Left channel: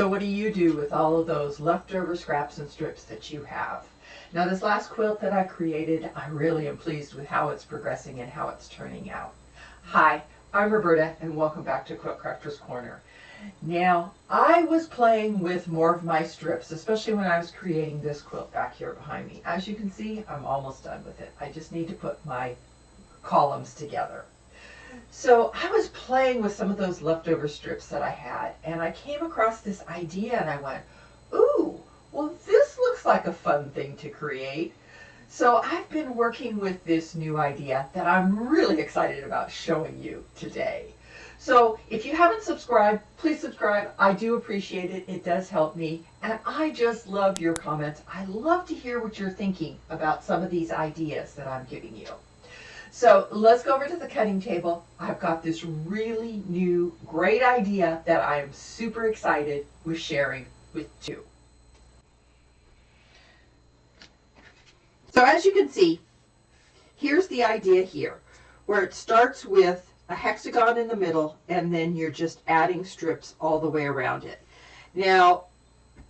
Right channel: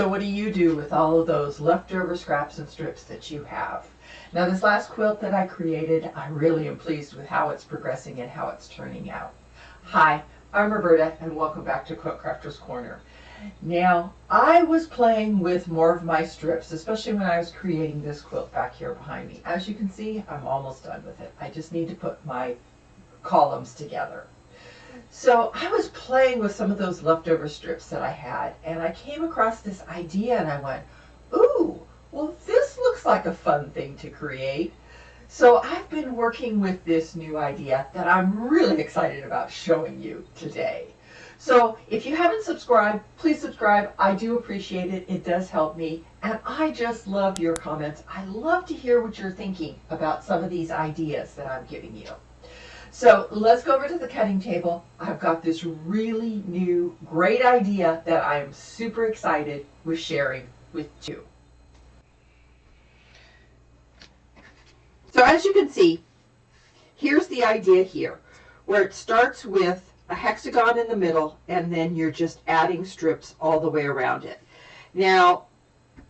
So what do you do with all of those leftover scraps and strips that you have? Now this last quilt that I created, I really am pleased with how it's progressing and how it's turning out. Hi, I'm Roberta and welcome back to Quilt Crafters Corner. Now I was playing with more of my strips, especially when I was creating this quilt back here behind me. As you can see, I'm almost done with it. I just need to put my columns together. So I was playing with some of those leftover strips that I had, and I came across this idea and I went, ooh, well this looks like a fun thing to create. So I've been working with this new idea that I'm really excited about showing you today. So if you haven't subscribed, please subscribe. I do appreciate it. It does help me. And I just love your comments. I love to hear what you're thinking about some of these ideas that I'm giving you. So let's go over to the cutting table. I've got this really new, great idea that I'm super excited with sharing with you. So as you can see, here's the idea here, where it starts with a hexagon in the middle, and then you're just adding strips all the way around it. Now,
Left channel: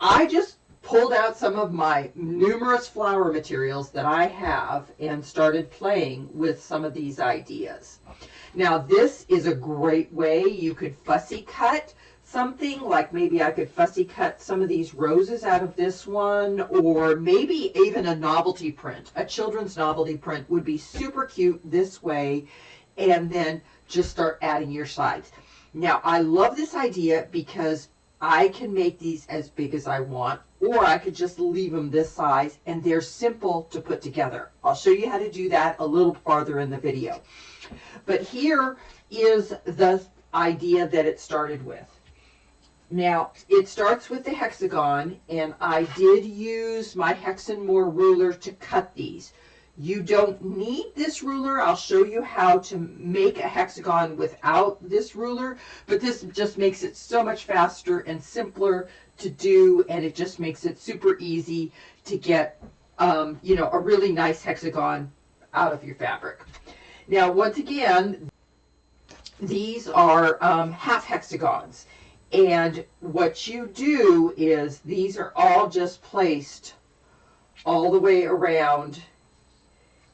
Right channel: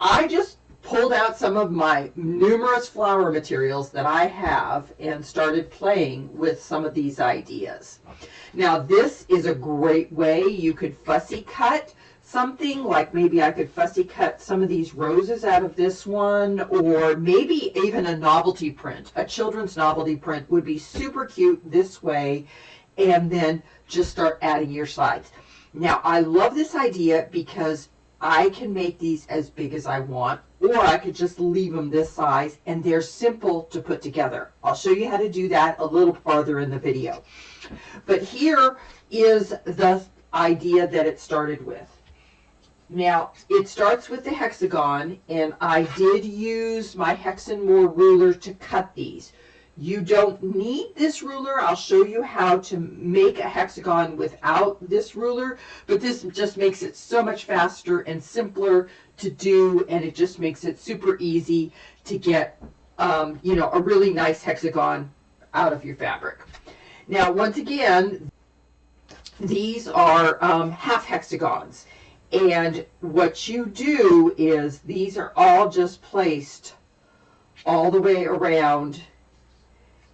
I just pulled out some of my numerous flower materials that I have and started playing with some of these ideas. Now, this is a great way you could fussy cut something, like maybe I could fussy cut some of these roses out of this one, or maybe even a novelty print. A children's novelty print would be super cute this way, and then just start adding your sides. Now, I love this idea because I can make these as big as I want, or I could just leave them this size, and they're simple to put together. I'll show you how to do that a little farther in the video. But here is the idea that it started with. Now, it starts with the hexagon, and I did use my Hexagon ruler to cut these. You don't need this ruler. I'll show you how to make a hexagon without this ruler, but this just makes it so much faster and simpler to do, and it just makes it super easy to get, you know, a really nice hexagon out of your fabric. Now, once again, these are half hexagons, and what you do is these are all just placed all the way around,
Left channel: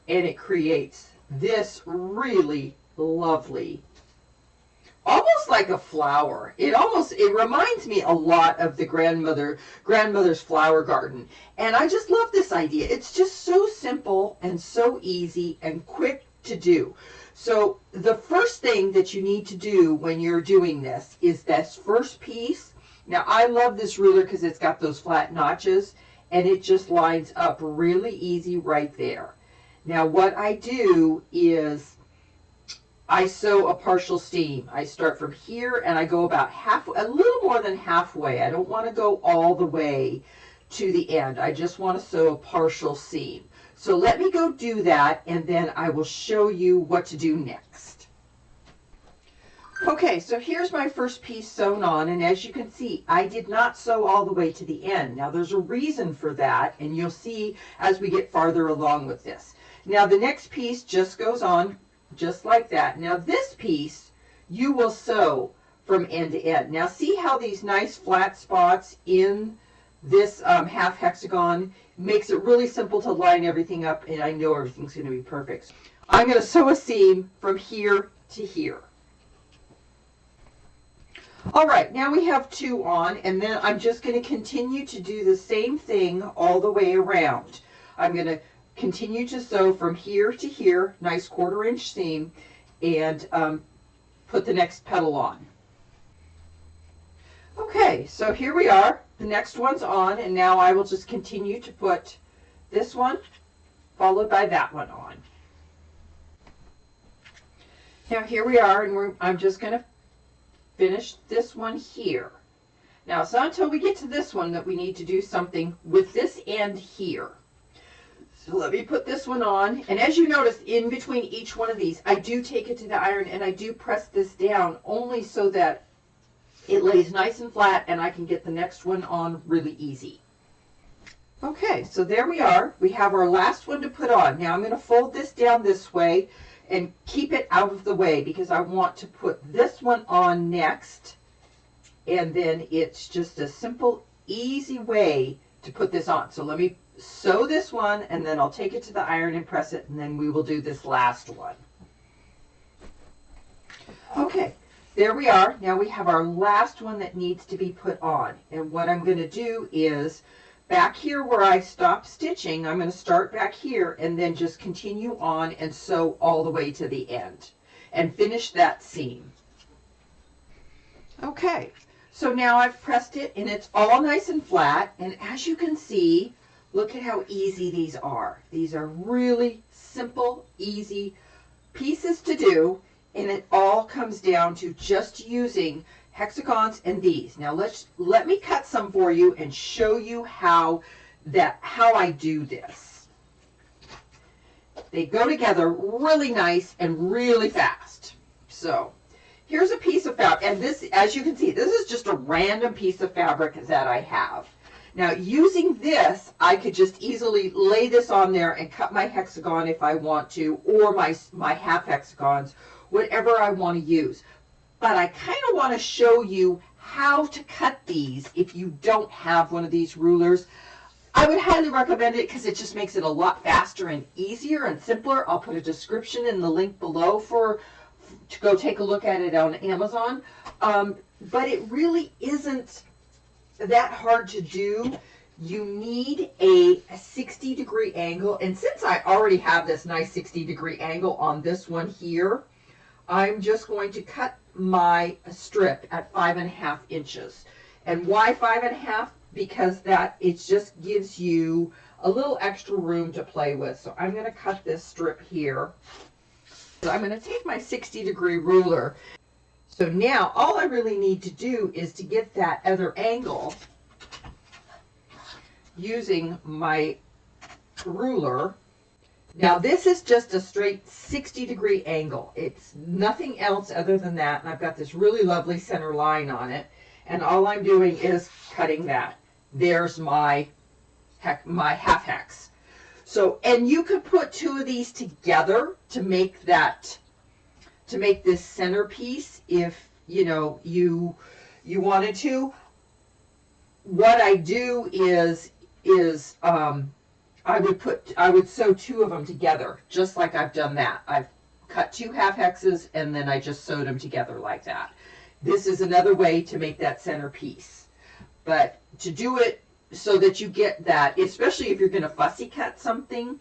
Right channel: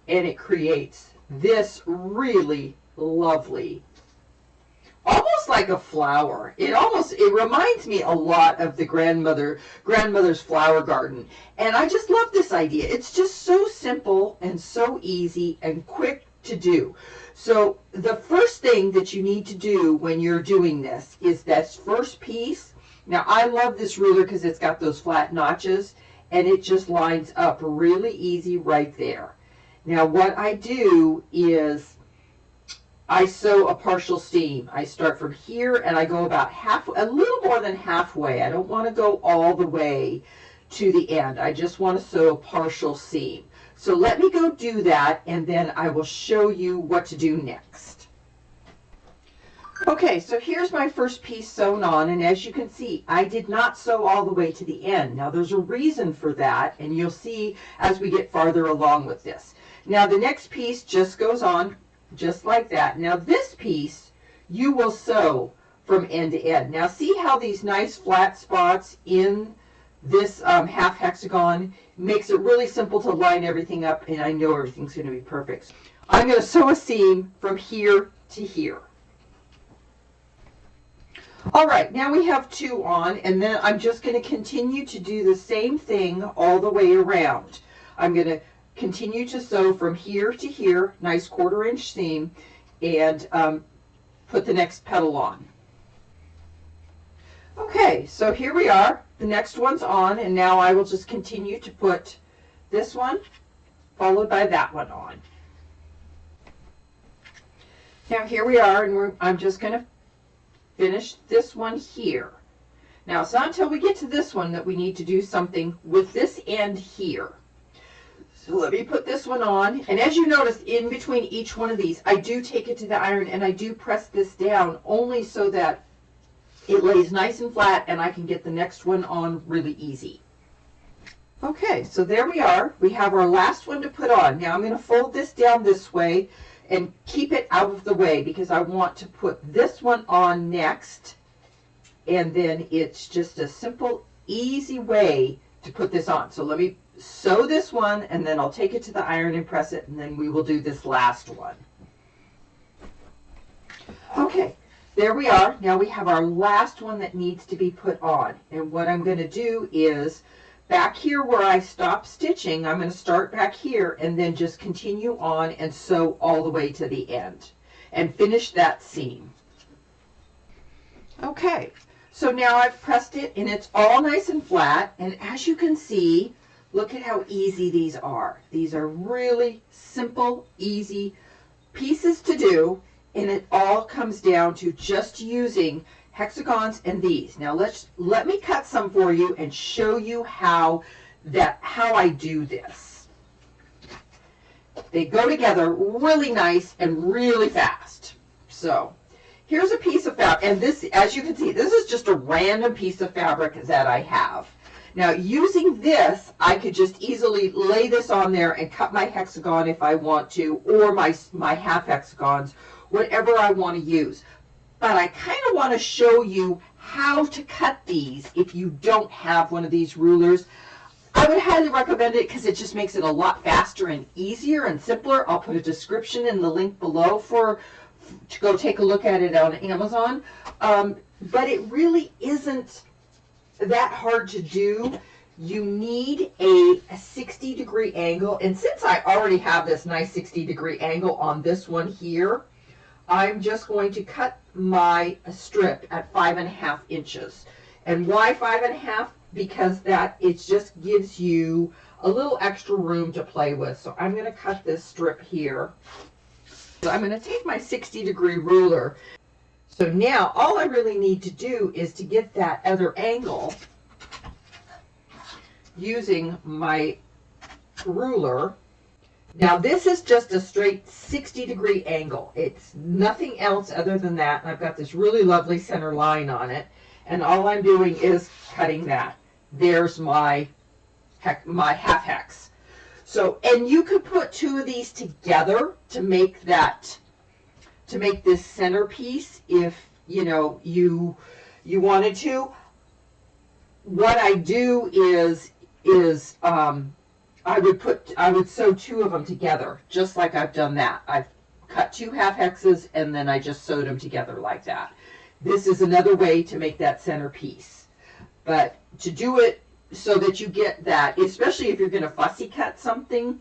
and it creates this really lovely, almost like a flower. It reminds me a lot of the grandmother's flower garden. And I just love this idea. It's just so simple and so easy and quick to do. So the first thing that you need to do when you're doing this is this first piece. Now I love this ruler because it's got those flat notches, and it just lines up really easy right there. Now what I do is I sew a partial seam. I start from here and I go about a little more than halfway. I don't want to go all the way to the end. I just want to sew a partial seam. So let me go do that, and then I will show you what to do next. Okay, so here's my first piece sewn on, and as you can see, I did not sew all the way to the end. Now there's a reason for that, and you'll see as we get farther along with this. Now the next piece just goes on just like that. Now this piece you will sew from end to end. Now see how these nice flat spots in this half hexagon makes it really simple to line everything up, and I know everything's going to be perfect. I'm going to sew a seam from here to here. All right, now we have two on, and then I'm just going to continue to do the same thing all the way around. I'm going to continue to sew from here to here, nice 1/4 inch seam, and put the next petal on. Okay, so here we are. The next one's on, and now I will just continue to put this one followed by that one on. Now here we are, and I'm just going to finish this one here. Now it's not until we get to this one that we need to do something with this end here. So let me put this one on, and as you notice, in between each one of these, I do take it to the iron and I do press this down only so that it lays nice and flat and I can get the next one on really easy. Okay, so there we are. We have our last one to put on. Now I'm going to fold this down this way and keep it out of the way because I want to put this one on next. and then it's just a simple, easy way to put this on. So let me sew this one, and then I'll take it to the iron and press it, and then we will do this last one. Okay, there we are. Now we have our last one that needs to be put on. And what I'm going to do is, back here where I stopped stitching, I'm going to start back here and then just continue on and sew all the way to the end and finish that seam. Okay, so now I've pressed it and it's all nice and flat, and as you can see, look at how easy these are. These are really simple, easy pieces to do, and it all comes down to just using hexagons and these. Now let me cut some for you and show you how I do this. They go together really nice and really fast. So here's a piece of fabric, and this, as you can see, this is just a random piece of fabric that I have. Now using this, I could just easily lay this on there and cut my hexagon if I want to, or my half hexagons, whatever I want to use. But I kind of want to show you how to cut these if you don't have one of these rulers. I would highly recommend it because it just makes it a lot faster and easier and simpler. I'll put a description in the link below to go take a look at it on Amazon. But it really isn't that hard to do. You need a 60-degree angle, and since I already have this nice 60-degree angle on this one here, I'm just going to cut my strip at 5.5 inches. And why 5.5? Because it just gives you a little extra room to play with. So I'm going to cut this strip here. So I'm going to take my 60-degree ruler. So now all I really need to do is to get that other angle using my ruler. Now this is just a straight 60-degree angle. It's nothing else other than that. And I've got this really lovely center line on it. And all I'm doing is cutting that. There's my half hex. So, and you could put two of these together to make this centerpiece if you wanted to. What I do is I would sew two of them together, just like I've done that. I've cut two half hexes and then I just sewed them together like that. This is another way to make that centerpiece. But to do it so that you get that, especially if you're going to fussy cut something,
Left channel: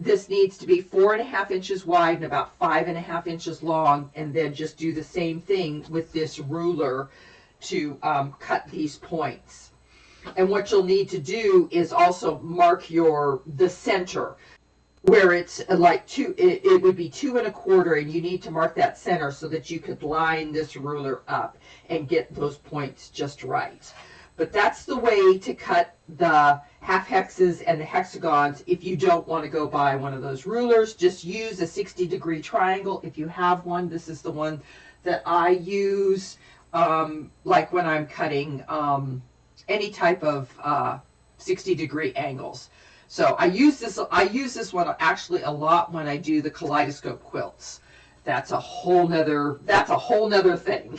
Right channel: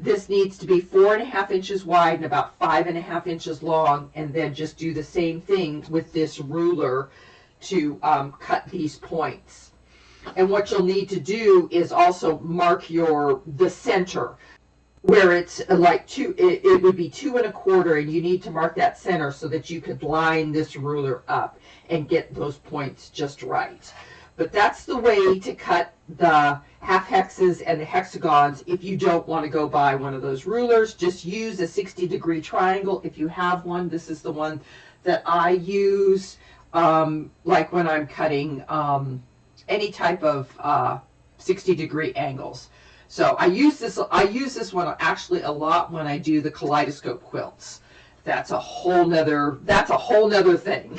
this needs to be 4.5 inches wide and about 5.5 inches long, and then just do the same thing with this ruler to cut these points. And what you'll need to do is also mark the center where it's like it would be 2 1/4, and you need to mark that center so that you could line this ruler up and get those points just right. But that's the way to cut the half hexes and the hexagons. If you don't want to go buy one of those rulers, just use a 60-degree triangle. If you have one, this is the one that I use, like when I'm cutting any type of 60-degree angles. So I use this one actually a lot when I do the kaleidoscope quilts. That's a whole nother thing.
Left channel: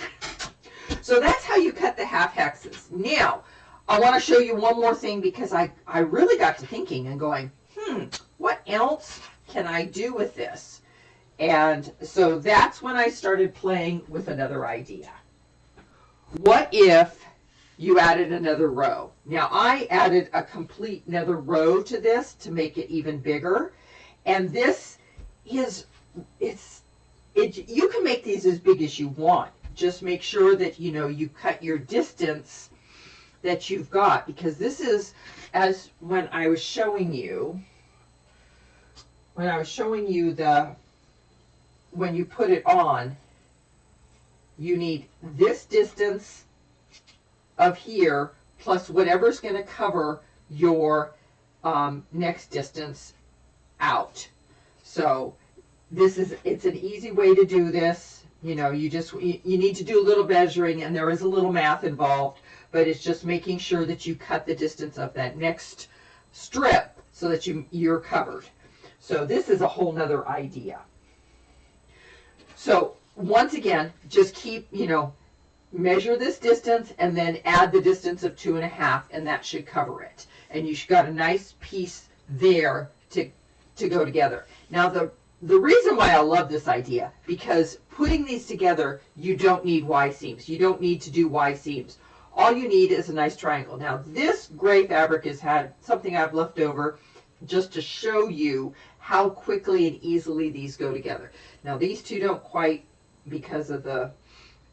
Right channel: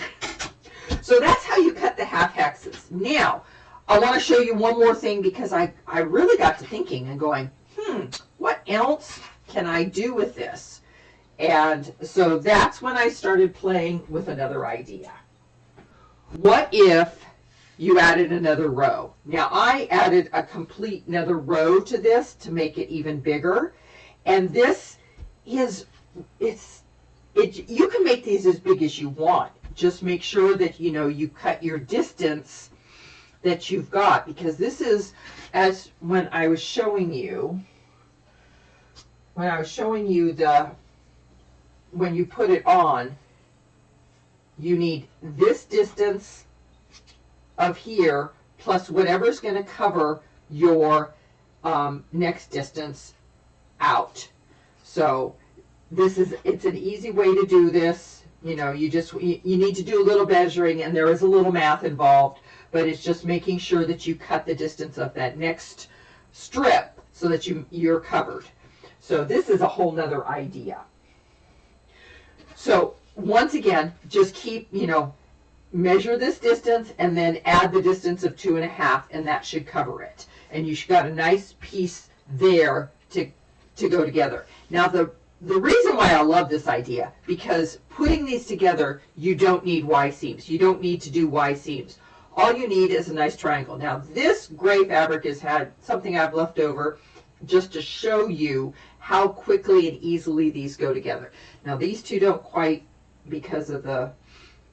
So that's how you cut the half hexes. Now, I want to show you one more thing, because I really got to thinking and going, what else can I do with this? And so that's when I started playing with another idea. What if you added another row? Now I added a complete another row to this to make it even bigger. And this is, you can make these as big as you want. Just make sure that you cut your distance that you've got, because this is, as when I was showing you when you put it on, you need this distance of here plus whatever's going to cover your next distance out. So it's an easy way to do this. You need to do a little measuring, and there is a little math involved, but it's just making sure that you cut the distance of that next strip so that you're covered. So this is a whole nother idea. So once again, just keep, measure this distance and then add the distance of 2.5, and that should cover it. And you've got a nice piece there to go together. Now the reason why I love this idea, because putting these together, you don't need Y seams. You don't need to do Y seams. All you need is a nice triangle. Now this gray fabric has had something I've left over just to show you how quickly and easily these go together. Now these two don't quite because of the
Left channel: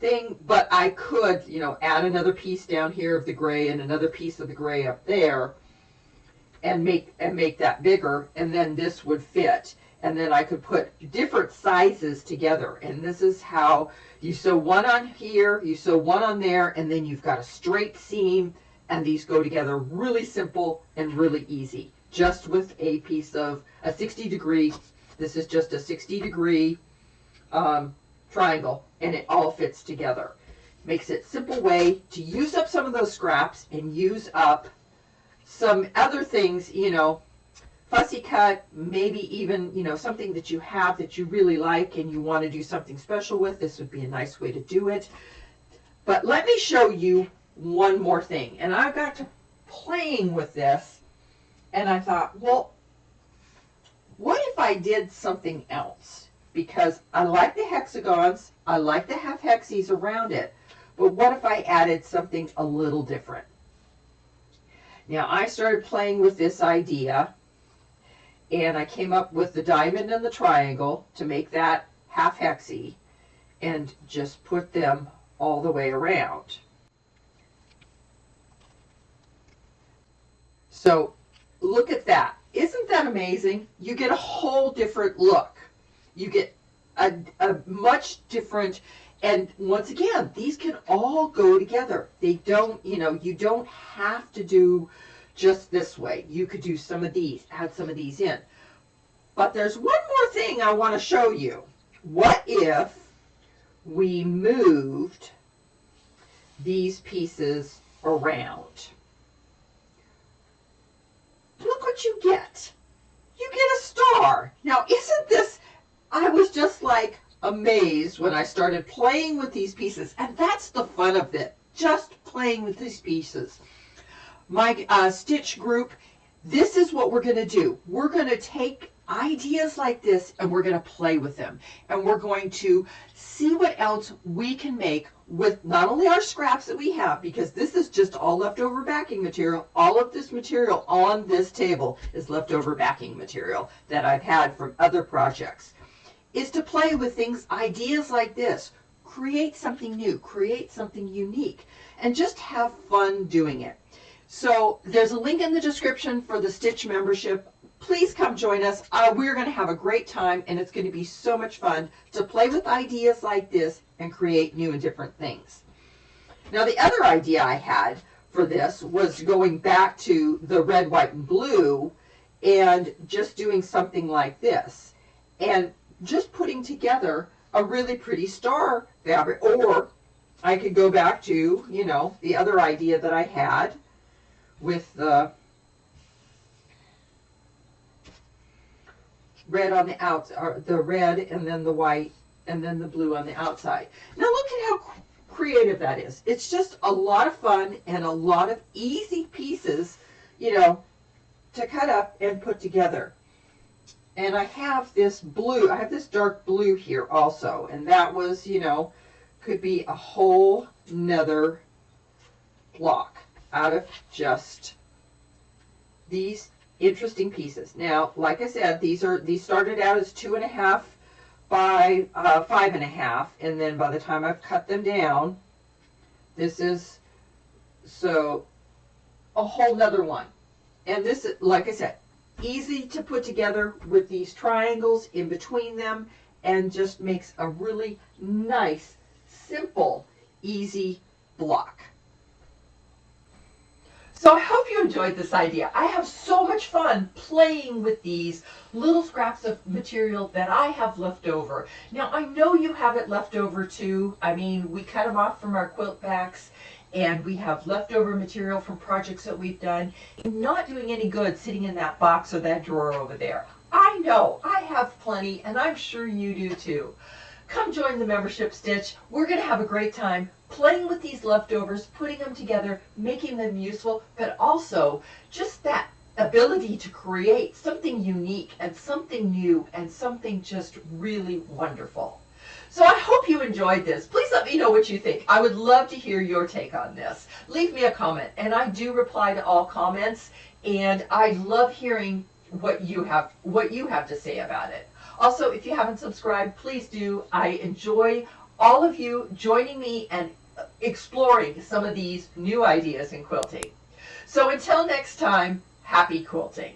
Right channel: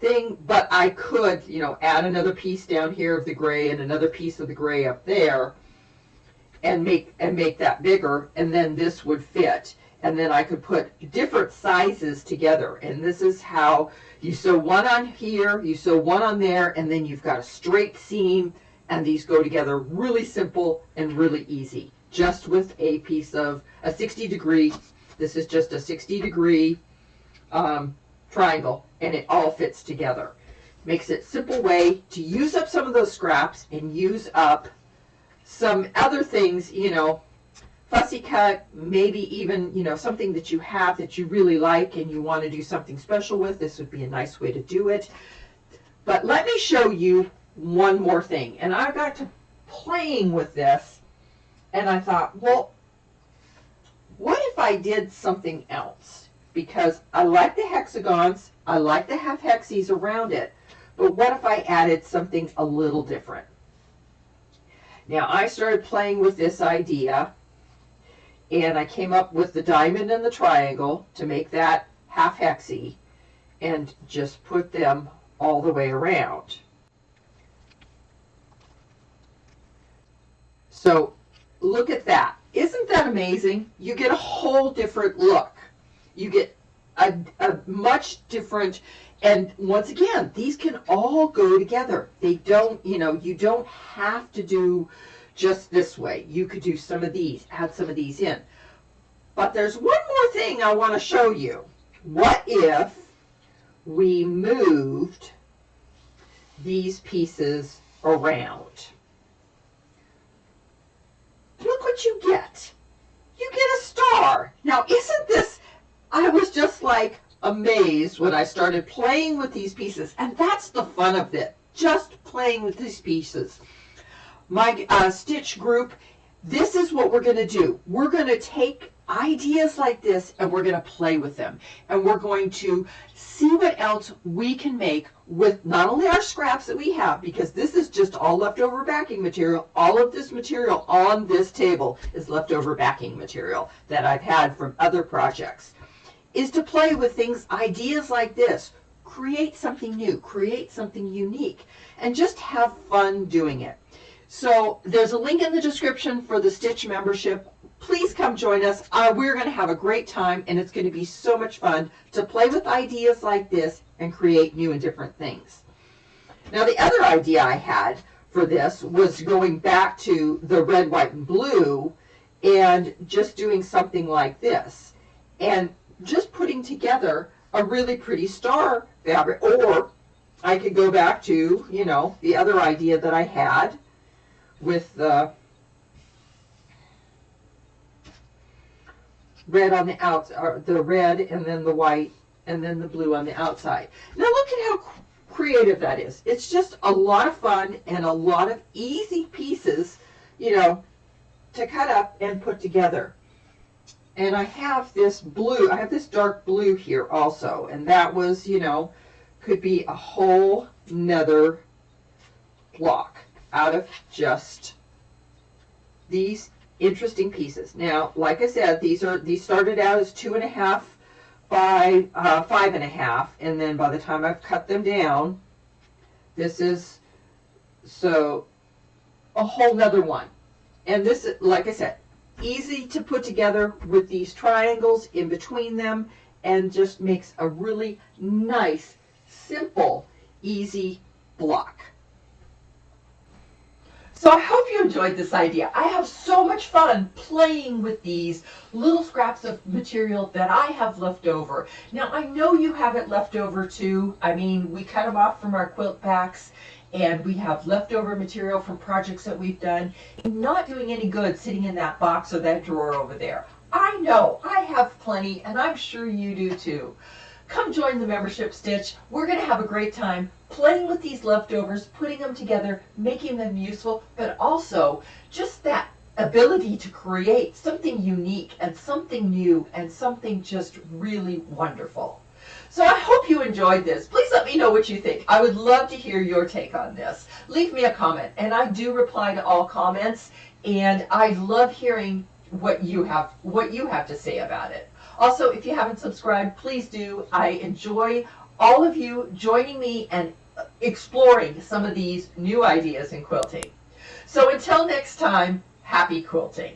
thing, but I could, you know, add another piece down here of the gray and another piece of the gray up there and make that bigger, and then this would fit. And then I could put different sizes together, and this is how you sew one on here, you sew one on there, and then you've got a straight seam, and these go together really simple and really easy, just with a piece of a 60-degree. This is just a 60-degree triangle, and it all fits together. Makes it a simple way to use up some of those scraps and use up some other things, you know, fussy cut, maybe even, you know, something that you have that you really like and you want to do something special with. This would be a nice way to do it. But let me show you one more thing. And I got to playing with this, and I thought, well, what if I did something else? Because I like the hexagons, I like to have hexies around it, but what if I added something a little different? Now I started playing with this idea, and I came up with the diamond and the triangle to make that half hexie, and just put them all the way around. So look at that. Isn't that amazing? You get a whole different look. You get a much different, and once again, these can all go together. They don't, you know, you don't have to do just this way. You could do some of these, add some of these in. But there's one more thing I want to show you. What if we moved these pieces around? Look what you get. You get a star. Now, isn't this, I was just like amazed when I started playing with these pieces, and that's the fun of it, just playing with these pieces. My stitch group, this is what we're going to do. We're going to take ideas like this and we're going to play with them, and we're going to see what else we can make with not only our scraps that we have, because this is just all leftover backing material. All of this material on this table is leftover backing material that I've had from other projects, is to play with things, ideas like this, create something new, create something unique, and just have fun doing it. So there's a link in the description for the Stitch membership. Please come join us. We're going to have a great time, and it's going to be so much fun to play with ideas like this and create new and different things. Now, the other idea I had for this was going back to the red, white, and blue and just doing something like this and just putting together a really pretty star fabric. Or I could go back to, you know, the other idea that I had with the red on the outside, or the red and then the white and then the blue on the outside. Now look at how creative that is. It's just a lot of fun and a lot of easy pieces, you know, to cut up and put together. And I have this blue, I have this dark blue here also, and that was, you know, could be a whole nother block out of just these interesting pieces. Now, like I said, these started out as 2.5 by 5.5, and then by the time I've cut them down, this is so a whole nother one. And this, like I said, easy to put together with these triangles in between them, and just makes a really nice, simple, easy block. So I hope you enjoyed this idea. I have so much fun playing with these little scraps of material that I have left over. Now, I know you have it left over too. I mean, we cut them off from our quilt backs, and we have leftover material from projects that we've done. Not doing any good sitting in that box or that drawer over there. I know, I have plenty, and I'm sure you do too. Come join the membership, Stitch. We're going to have a great time playing with these leftovers, putting them together, making them useful, but also just that ability to create something unique and something new and something just really wonderful. So I hope you enjoyed this. Please let me know what you think. I would love to hear your take on this. Leave me a comment, and I do reply to all comments, and I love hearing what you have to say about it. Also, if you haven't subscribed, please do. I enjoy all of you joining me and exploring some of these new ideas in quilting. So until next time, happy quilting.